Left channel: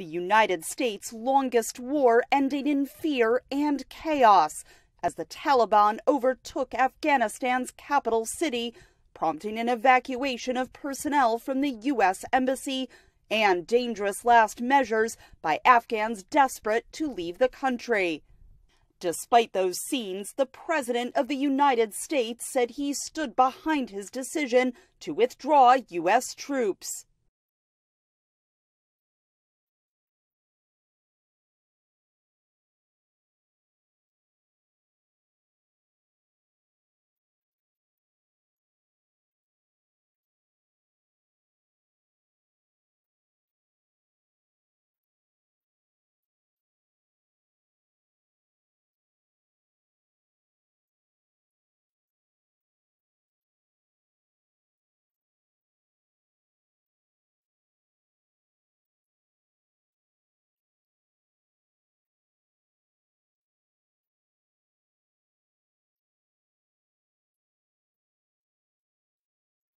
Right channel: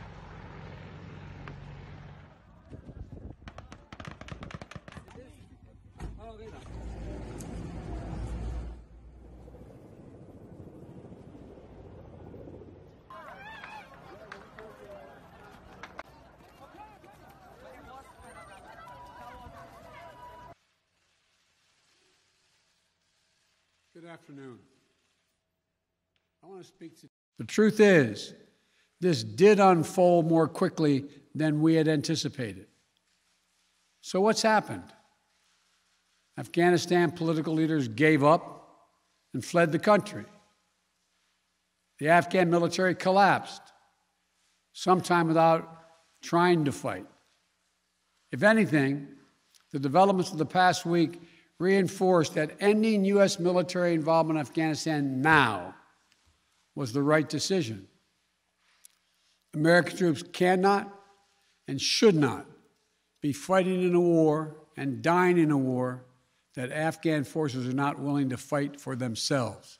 the United States' longest war ending in fear and chaos as the Taliban overtook Afghanistan's capital city, prompting an evacuation of personnel from the U.S. Embassy and dangerous last measures by Afghans desperate to leave the country. Despite those scenes, the President of the United States said he stood behind his decision to withdraw U.S. troops. The truth is, this did unfold more quickly than we had anticipated. So what's happened? Afghanistan political leaders gave up and fled the country. The Afghan military collapsed, sometime without trying to fight. If anything, the developments of the past week reinforced that ending U.S. military involvement in Afghanistan now was the right decision. American troops cannot and should not be fighting in a war and dying in a war that Afghan forces are not willing to fight for themselves.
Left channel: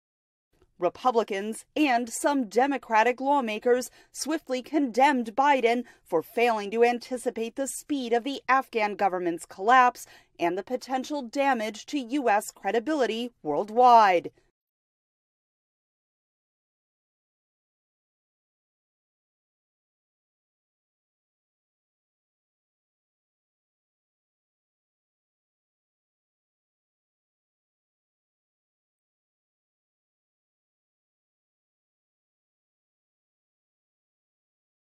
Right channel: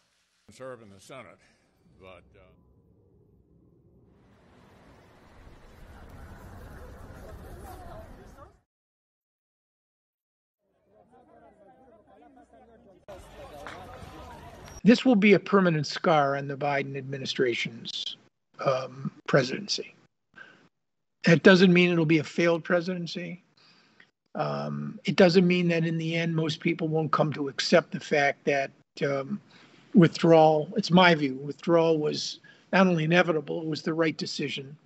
Republicans and some Democratic lawmakers swiftly condemned Biden for failing to anticipate the speed of the Afghan government's collapse and the potential damage to U.S. credibility worldwide. This will be a permanent scar on the Biden administration's presidency. That doesn't mean it'll be a failed presidency. It doesn't mean that in the end most people won't come to accept the fact that withdrawal, it's my view, withdrawal was not only inevitable, it was the right decision.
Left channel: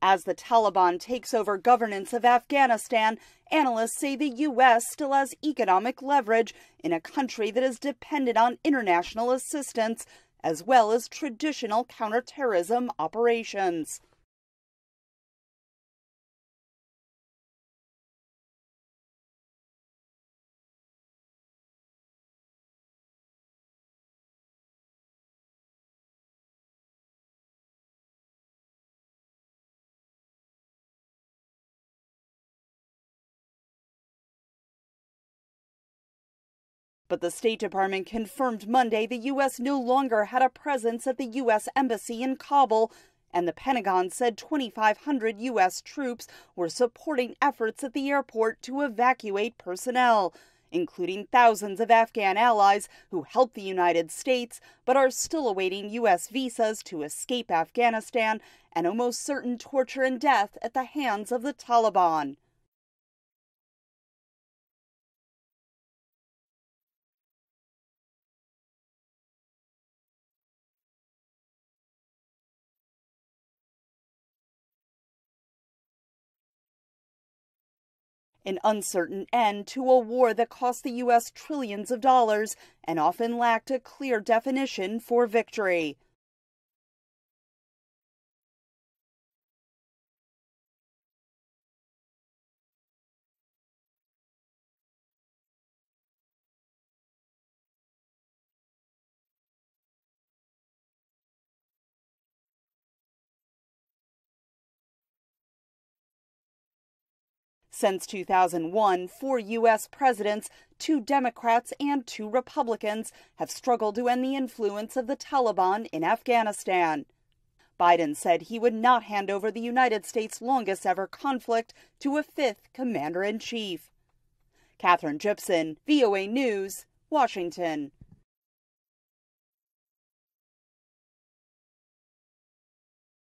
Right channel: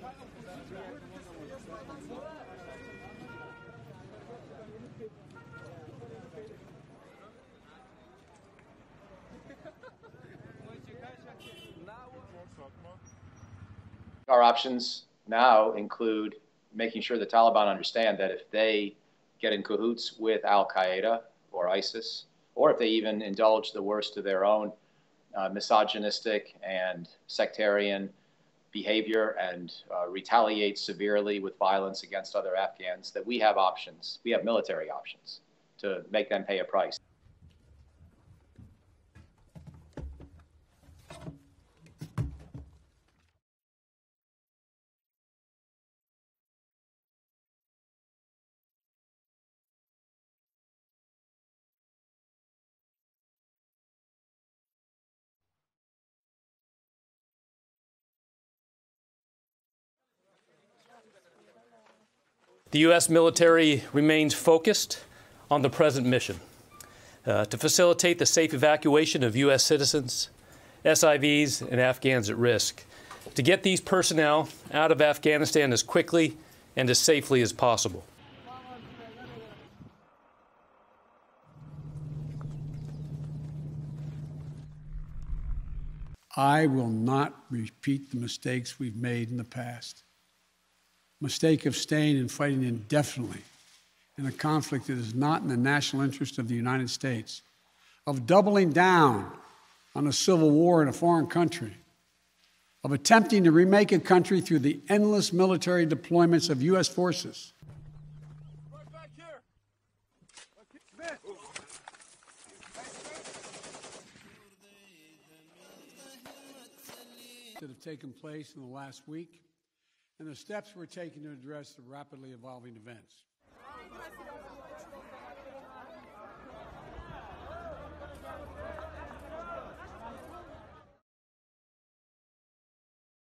As the Taliban takes over governance of Afghanistan, analysts say the U.S. still has economic leverage in a country that is dependent on international assistance, as well as traditional counterterrorism operations. Our options now include making sure the Taliban understand that if they get in cahoots with al-Qaeda or ISIS, or if they even indulge the worst of their own misogynistic and sectarian behavior and retaliate severely with violence against other Afghans, that we have options. We have military options to make them pay a price. But the State Department confirmed Monday the U.S. no longer had a presence at the U.S. Embassy in Kabul, and the Pentagon said 2,500 U.S. troops were supporting efforts at the airport to evacuate personnel, including thousands of Afghan allies who helped the United States but are still awaiting U.S. visas to escape Afghanistan and almost certain torture and death at the hands of the Taliban. The U.S. military remains focused on the present mission to facilitate the safe evacuation of U.S. citizens, SIVs, and Afghans at risk, to get these personnel out of Afghanistan as quickly and as safely as possible. An uncertain end to a war that cost the U.S. trillions of dollars and often lacked a clear definition for victory. I will not repeat the mistakes we've made in the past. Mistake of staying and fighting indefinitely in a conflict that is not in the national interest of the United States, of doubling down on a civil war in a foreign country, of attempting to remake a country through the endless military deployments of U.S. forces. Since 2001, 4 U.S. presidents, 2 Democrats and 2 Republicans, have struggled to end the influence of the Taliban in Afghanistan. Biden said he would not hand over the United States' longest ever conflict to a 5th commander-in-chief. Catherine Gibson, VOA News, Washington.